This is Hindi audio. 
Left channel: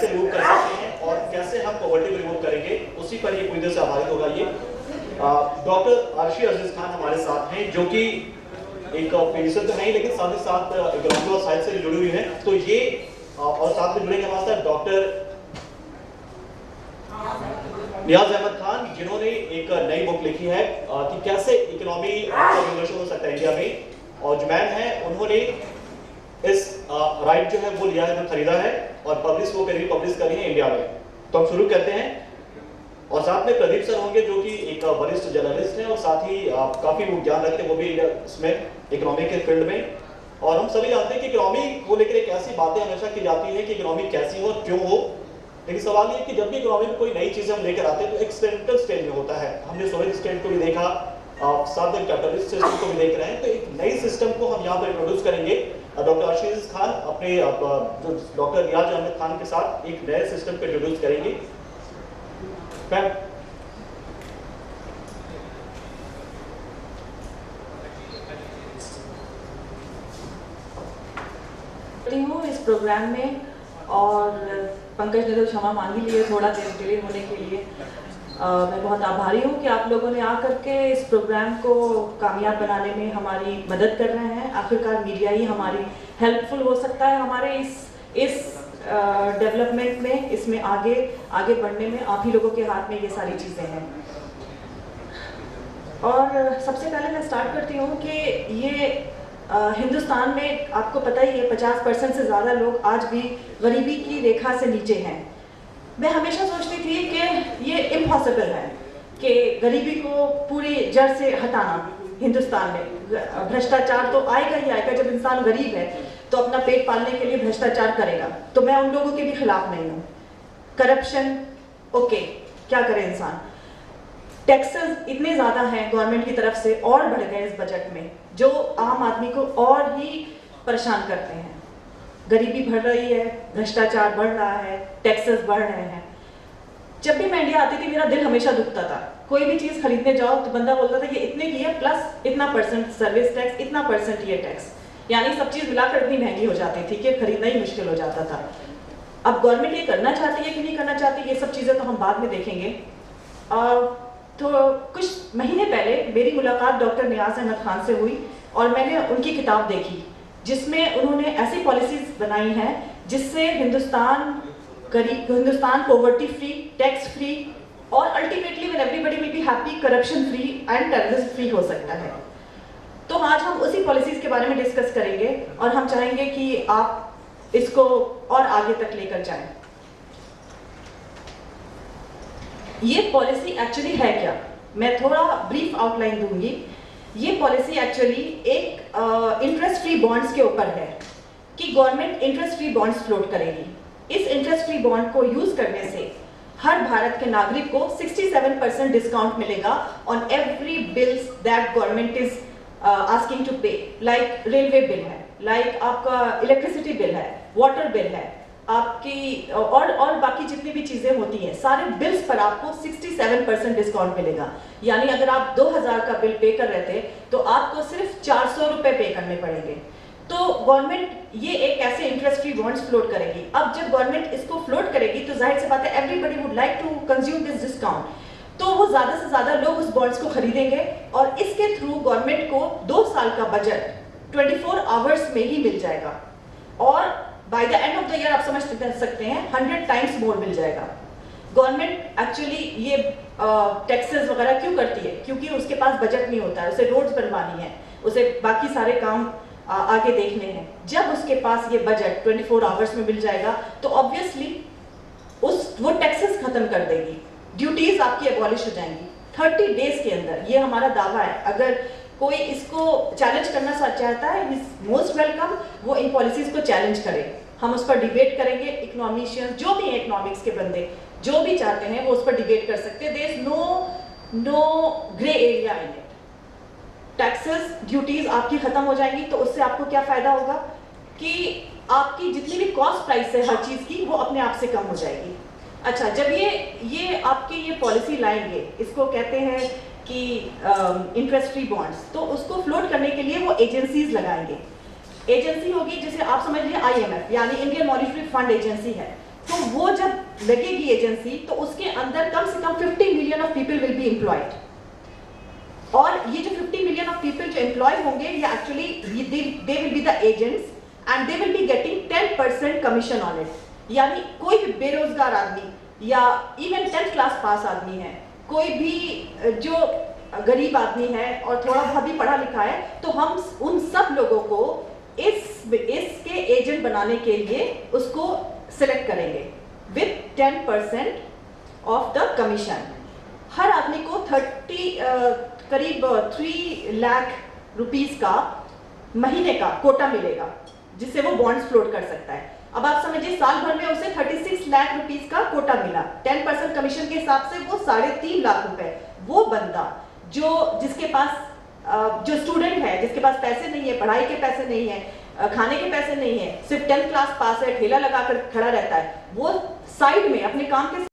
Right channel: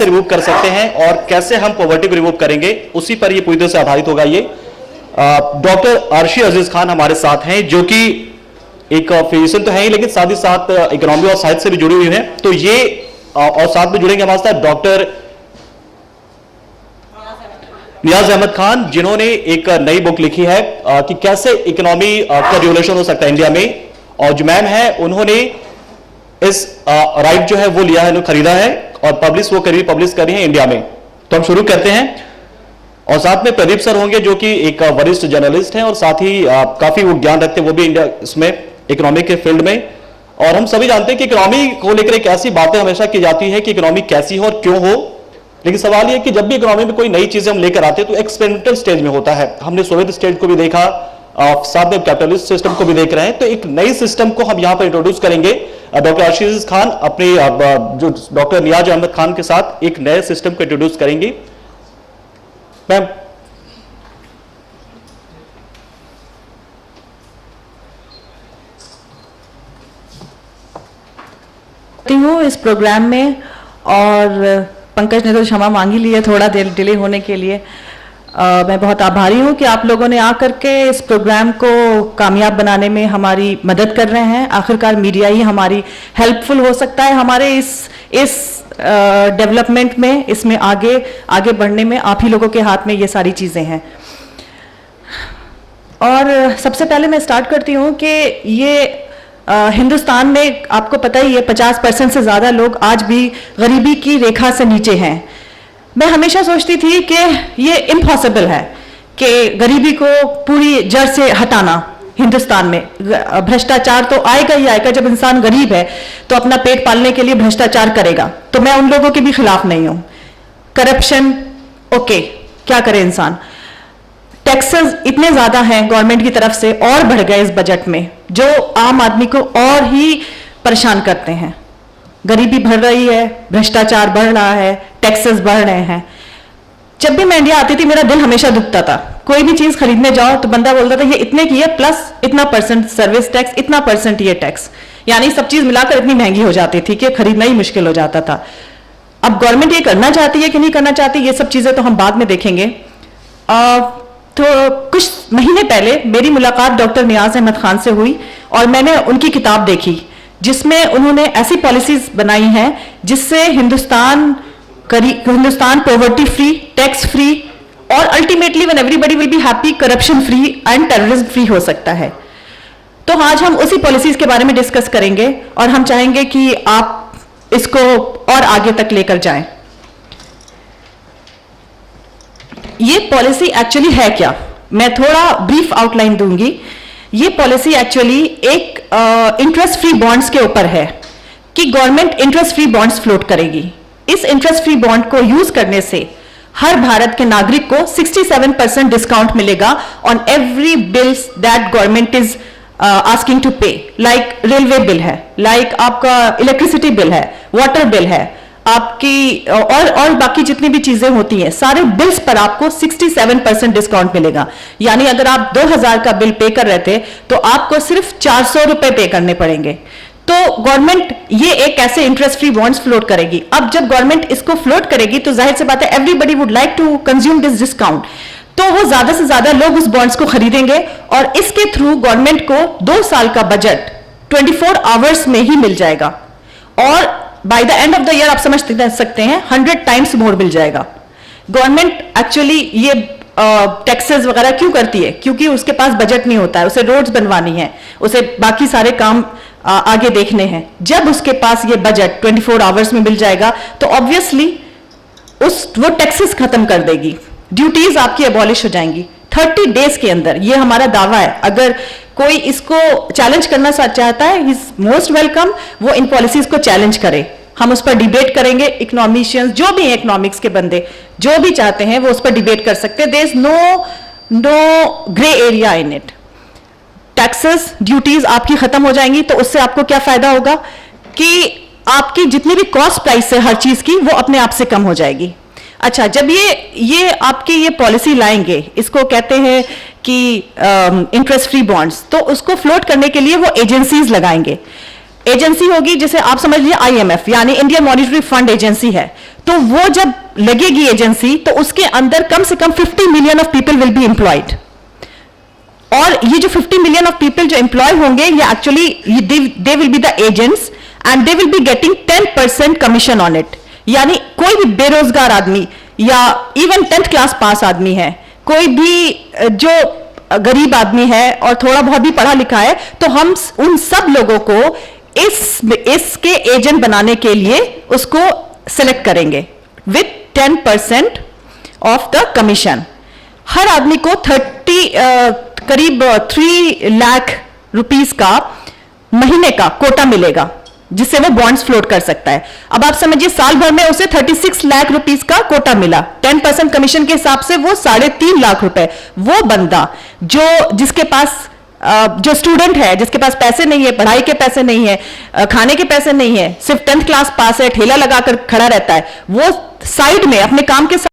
रिमूव कर सकते हैं और कैसे हम पॉवर्टी को रिमूव करेंगे, उसी पर ये पूरी तरह से आधारित होगा। ये डॉक्टर अर्शी अजीज खान हमारे साथ हैं, जो कि एक फिजिशियन तो है ही, लेकिन साथ ही साथ इकोनॉमी और साइंस से भी जुड़ी हुई हैं। तो ये और साथ में जुड़ेंगे हमारे साथ डॉक्टर नियाज अहमद खान, जिन्होंने एक नई बुक लिखी है कि कैसे इकोनॉमी का रिवोल्यूशन हो सकता है इंडिया में। और जो मैम है, उन्होंने इस राइट जो है वो लिया है, खरीदा है और पब्लिश कर रही है इंडिया में। तो हम शुरू करते हैं। और साथ में प्रदीप सर होंगे, जो कि एक वरिष्ठ जर्नलिस्ट हैं और साथ ही काफी वो ज्ञान रखते हैं, वो भी इंडिया इसमें इकोनॉमी के फील्ड में। और हम सभी जानते हैं कि इकोनॉमी को लेकर एक ऐसी बातें हमेशा की जाती है कि इकोनॉमी कैसी हो और क्यों हो, लेकिन सवाल यह है कि जब भी इकोनॉमी में कोई नई चीजें हम लेकर आते हैं तो एक्सपेरिमेंटल स्टेज में होता है। हमने सोवियत स्टेट को भी देखा, साथ में कैपिटलिस्ट सिस्टम को भी देख रहे हैं। तो एक नई सिस्टम को हम यहां पर इंट्रोड्यूस करेंगे। डॉक्टर अर्शी अजीज खान अपने जो डॉक्टर नियाज अहमद खान के साथ एक नए सिस्टम को इंट्रोड्यूस करेंगी। मैम, हूँ इस प्रोग्राम में, और पंकज ने तो क्षमा मांगी ली है थोड़ा देर डिले होने के लिए। मैं बहुत आभारी हूँ कि आप लोगों ने आकर के इस प्रोग्राम को कामयाब बनाने में हमारी मदद कर रहे हैं। आखिरकार मीडिया ही हमारी हेल्पफुल हो सकता है हमारे इस डेवलपमेंट में, इसमें आगे बढ़ने में। आप ही लोगों के हाथ में ये सारी चीज़ें हैं। और सबसे पहले मैं स्टार्ट करती हूँ कि ये हिंदुस्तान में आपको पता ही है 50% से ज़्यादा लोग आज भी गरीबी की रेखा से नीचे हैं। मैं हमेशा सोचती थी कि ये इम्पॉसिबल है कि गरीबी को पूरी जड़ से हटाना हिंदुस्तान में। भ्रष्टाचार तो आएगा ही आएगा। जब इंसान गरीब है तो अपना पेट पालने के लिए भ्रष्टाचार करेगा। तो मैं उन लोगों के भी खिलाफ नहीं हूँ। करप्शन, ओके, क्या करे इंसान। टैक्सेस इतने ज्यादा हैं गवर्नमेंट की तरफ से और बढ़ गए इस बजट में, जो आम आदमी को और ही परेशान करते हैं। गरीबी बढ़ रही है, भ्रष्टाचार बढ़ रहा है, टैक्सेस बढ़ रहे हैं। जब भी मैं इंडिया आती थी मेरा दिल हमेशा दुखता था। कोई भी चीज खरीदने जाओ तो बंदा बोलता था ये इतने की है, प्लस इतना परसेंट सर्विस टैक्स, इतना परसेंट ये टैक्स, यानी सब चीज मिलाकर इतनी महंगी हो जाती थी कि खरीदना ही मुश्किल हो जाता था। अब गवर्नमेंट ये करना चाहती है कि नहीं करना चाहती, ये सब चीजें तो हम बाद में देखेंगे। तो कुछ महीने पहले मेरी मुलाकात डॉक्टर नियाज अहमद खान से हुई और मैंने उनकी किताब देखी, जिसमें उन्होंने ऐसी पॉलिसीज बनाई हैं जिससे Hindustan poverty free, tax free और ultimately when everybody will be happy, corruption free and terrorism free हो सकता है। तो आज हम उसी पॉलिसीज के बारे में डिस्कस करेंगे और हम चाहेंगे कि आप इसको और आगे तक लेकर जाएं। ये पॉलिसी एक्चुअली है क्या, मैं थोड़ा ब्रीफ आउटलाइन दूंगी। ये पॉलिसी एक्चुअली एक इंटरेस्ट फ्री बॉन्ड्स के ऊपर है कि government interest free bonds float करेगी। इस इंटरेस्ट फ्री बॉन्ड को यूज करने से हर भारत के नागरिक को 67% डिस्काउंट मिलेगा on every bills that government is asking to pay. Like railway bill है, लाइक आपका इलेक्ट्रिसिटी बिल है, वाटर बिल है, आपकी और बाकी जितनी भी चीजें होती हैं, सारे बिल्स पर आपको 67% डिस्काउंट मिलेगा। यानी अगर आप 2000 का बिल पे कर रहे थे तो आपको सिर्फ 400 रुपए पे करने पड़ेंगे। तो गवर्नमेंट ये एक ऐसे इंटरेस्ट फ्री बॉन्ड्स फ्लोट करेगी। अब जब गवर्नमेंट इसको फ्लोट करेगी तो जाहिर सी बात है everybody would like to consume this discount, तो वो ज्यादा से ज्यादा लोग उस बॉन्ड्स को खरीदेंगे और इसके थ्रू गवर्नमेंट को 2 साल का बजट 24 आवर्स में ही मिल जाएगा और by the end of the year आप समझ सकते हैं 100 टाइम्स मोर मिल जाएगा। गवर्नमेंट एक्चुअली ये टैक्सेस वगैरह क्यों करती है? क्योंकि उसके पास बजट नहीं होता है, उसे रोड्स बनवानी है, उसे बाकी सारे काम आगे देखने हैं। जब उसके पास ये बजट 24 आवर्स में मिल जाएगा तो ऑब्वियसली वो टैक्सेस खत्म कर देगी, ड्यूटीज आपकी एबॉलिश हो जाएंगी 30 डेज के अंदर। ये हमारा दावा है। अगर कोई इसको चैलेंज करना चाहता है, इज मोस्ट वेलकम, वो इन पॉलिसीज को चैलेंज करे। हम उस पर डिबेट करेंगे। इकोनॉमिशियंस जो भी इकोनॉमिक्स के बंदे जो भी चाहते हैं वो उस पर डिबेट कर सकते हैं। There is no grey area in it. Taxes, duties आपकी खत्म हो जाएंगी तो उससे आपको क्या फायदा होगा कि आपकी जितनी भी कॉस्ट प्राइस है हर चीज की वो अपने आप से कम हो जाएगी। अच्छा, जब ये आपकी ये पॉलिसी लाएंगे, इसको कहते हैं कि इंटरेस्ट फ्री बॉन्ड्स, तो उसको फ्लोट करने के लिए वो एजेंसीज लगाएंगे। एजेंसी होगी जिसे आप समझ लीजिए IMF यानी इंडियन मॉनिटरी फंड एजेंसी है, तो वो जब लगेगी एजेंसी तो उसके अंदर कम से कम 50 million of people will be employed. और ये जो 50 मिलियन ऑफ पीपल जो एम्प्लॉय होंगे ये actually they will be the agents and they will be getting 10% commission on it. यानी कोई भी बेरोजगार आदमी या इवन 10th क्लास पास आदमी है, कोई भी जो गरीब आदमी है और थोड़ा बहुत भी पढ़ा लिखा है, तो हम उन सब लोगों को इसके एजेंट बनाने के लिए उसको सेलेक्ट करेंगे विथ 10% ऑफ द कमीशन। हर आदमी को करीब 3 लाख रुपीस का महीने का कोटा मिलेगा जिससे वो बॉन्ड्स फ्लोट कर सकता है। अब आप समझिए साल भर में उसे 36 लाख रुपीस का कोटा मिला, 10% कमीशन के हिसाब से वो 3.5 लाख रुपए। वो बंदा जिसके पास जो स्टूडेंट है, जिसके पास पैसे नहीं है, पढ़ाई के पैसे नहीं है, खाने के पैसे नहीं है, सिर्फ 10th क्लास पास है, ठेला लगाकर खड़ा रहता है, वो साइड में अपने काम के